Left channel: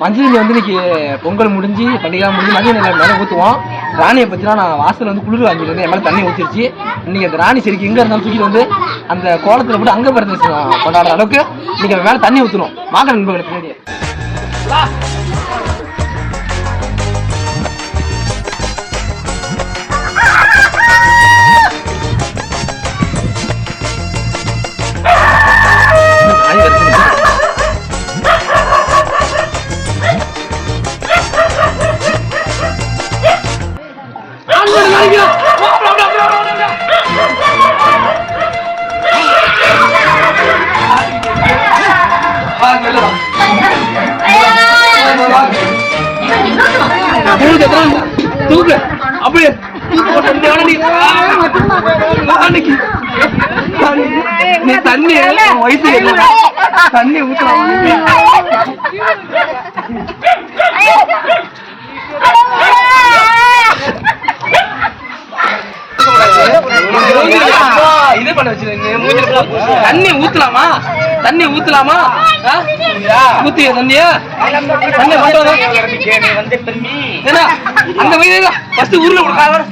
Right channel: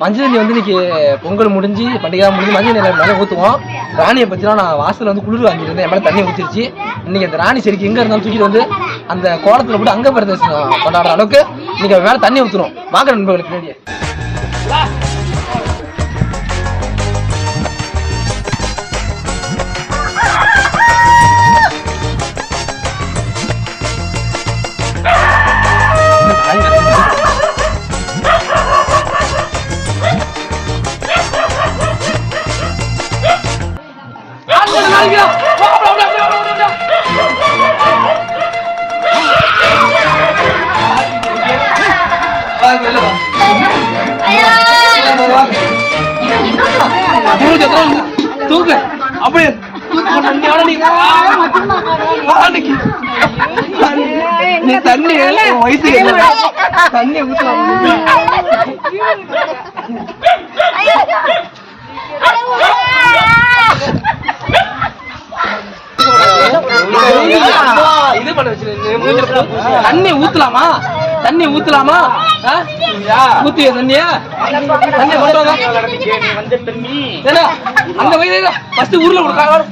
மஞ்சள் வந்து இன்னைக்கு பொங்கல் முடிஞ்சு பண்டிகை முடிஞ்சு மஞ்சள் நிலம் மேலே ஊற்றுவோம் ராணியை பற்றினா நான் வாசல் வந்து குளிர் வாங்கிட்டு இருந்தேன் என் மேலே தண்ணி ஊற்றிருச்சு இன்னைக்கு அந்த ராணி செடிக்கு எங்கே இருந்தாலும் தூக்கிட்டு வந்து அந்த கோலத்தில் போட்டு அங்கே பிறந்த கொண்டாடுற அளவுக்கு இன்னைக்கு மேலே தண்ணி ஊற்றுறோம் வாங்க நண்பர்களுக்கு வேண்டிய தூக்கு அப்படியே நீ தண்ணி வயசு தண்ணி ஊற்ற தண்ணி ஊத்தலாமா தண்ணி ஊத்தலாமா ஊத்திய தண்ணிய தண்ணி பண்றது அந்த வயது ஃபர்ஸ்ட் ஊர்ல கொடுக்காத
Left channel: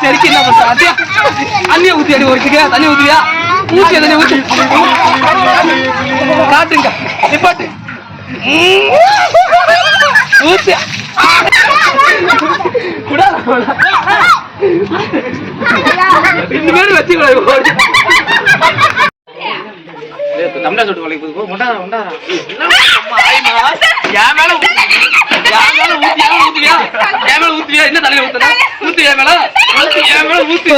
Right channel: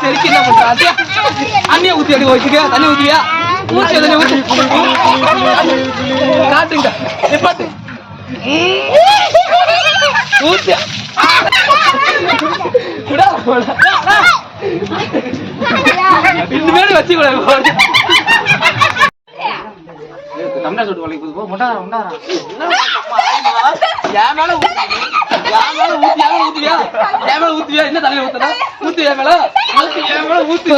செருக்கி என்ன பண்ற? அடியா. தண்ணியை ஊத்தி அடி ஒருத்துக்கு தண்ணி ஊத்துறியா ஊத்தி தண்ணி ஊத்து காட்டுங்க நிப்பாட்டு ஊத்து. இனிமேல் வச்சுக்கூடாது தமிழா வளைக்கு முண்டாரா முண்டாரா என் மேல. என் மேல? என்ன தலையில ஊத்துன? என் மேல. ஊத்து என் மேல ஊத்து.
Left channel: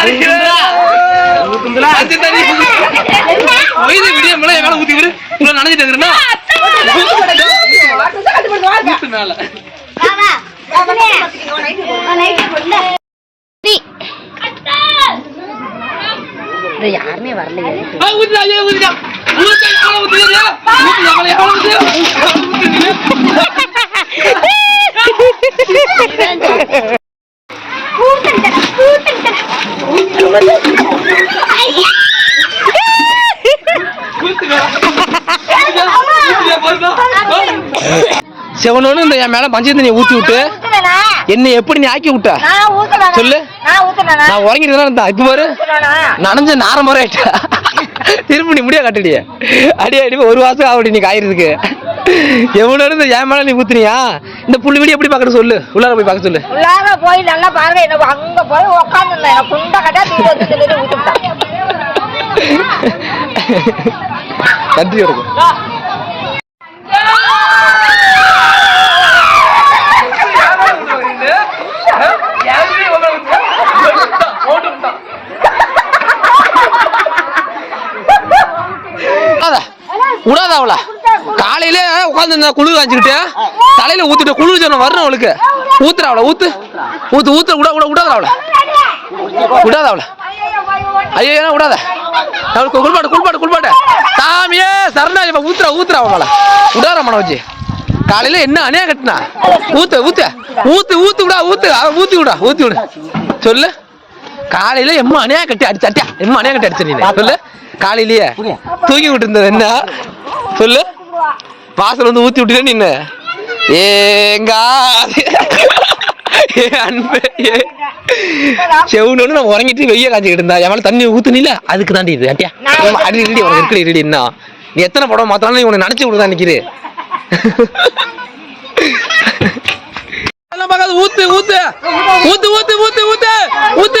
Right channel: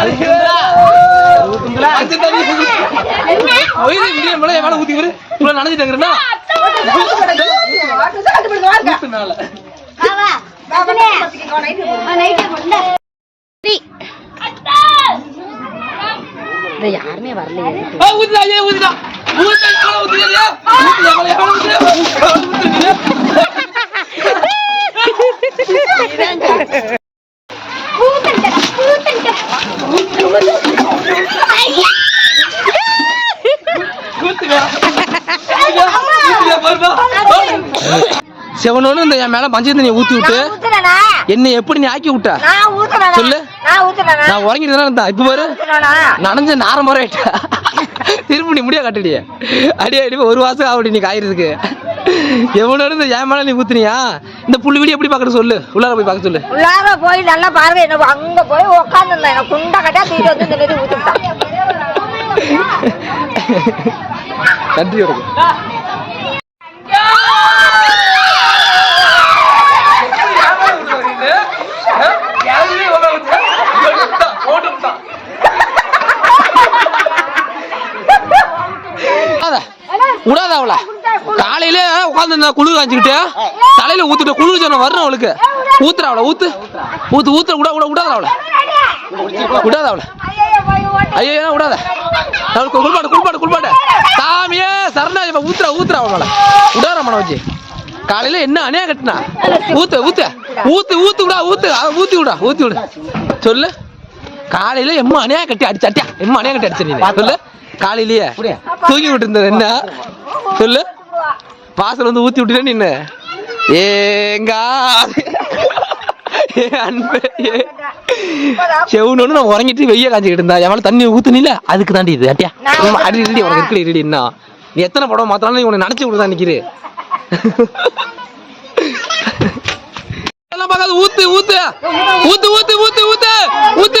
அரிக்கிறா. மஞ்சள் தண்ணி. ஒய்து விடிய மேல என் மேல ஊத்தி விடு. இவ்வளவு நனைஞ்சிட்டு இருக்கிறேன்னா? ஊத்து மேல. யாருமே வரலையே ஆ, ஊத்துடா, ஊத்துடா. ஊத்து, என் மேல ஊத்துறியா? ஊத்து என் மேல, என் மேல ஊத்துறியா? ஊத்து நீ. செவனோன்னு இந்த என் மேல மஞ்சள் தண்ணியை ஊத்தி விட்டு என்னை எப்படி நீ ஆக்கி விட்ட? சொல்லு. நான் உறங்கிட்டு தான் இருந்தா? இப்ப பாரு. நனைஞ்ச நார முறை திரும்ப நீ முடியா கட்டுடிய அடி அடி ஒரு மாசம் ஆகுடி நீ காயறதுக்கு. எவ்வளோ இந்த என் மேல நீ ஊத்துனியா? இந்த புள்ளி வீடி எப்படி பாக்கணும் சொல்லு. உள்ளார போய் பார்க்க சொல்லு. உள்ளார போய் நல்லா பாருங்க. என்ன அங்க போய் உட்காந்துருந்தேன் குண்டா கட்டா தீட்டு நன்றி வணக்கம். விடாத அவள. காலையில உட்காந்து குளிர் காஞ்சிக்கிட்டு தலையில ஊத்துட்டு குளிர் ஜனம் வரணும் அவளுக்கு. ஊத்துற அவளை ஊத்து. ஊத்து ஊத்து விட விட விடாத அவள. விடாத அவள. ஐயோ விடாத அவளுக்கு குளிப்பாட்டு குளிப்பாட்டு குளிப்பாட்டு. சாமியே சரணா இப்ப ஊத்துற ஊத்துற அவள விடாத மனோஜி. வச்சு காலையில என்ன அணையா கட்டினா? ஊத்து ஊத்து. ஊத்து ஊத்து விடா ஊத்து. அவன் ஊத்தி விடா ஊத்தி விடு. சொல்லு. காலையில எம்மா அணையா கட்டி அடிச்சாட்டியா? எம்மா அணையா கட்டி அடிச்சு சொல்லு. காலையிலயே. தூங்கி விட்டு இருந்தது என்ன? சொல்லு. வாசல் வந்து ஊத்தி விட்டுட்டே நின்று ஏங்கா செவனு உறங்கிட்டு வெய்ய காஞ்சிக்கிட்டு இருந்தா. எவ்வளவு தண்ணி ஊத்துனில? அதுக்கு தாண்டி இது. அட்டியா? அடி ரெடி உனக்கு இருக்கிற ரெடி என்ன நீ எத்தனை படம் மாத்தாலும் உனக்கு நினைச்சு விடுதான் நிக்கிறே ஊத்து ஊத்து. ஊத்து ஊத்து ஊத்து ஊத்து. ஊத்து.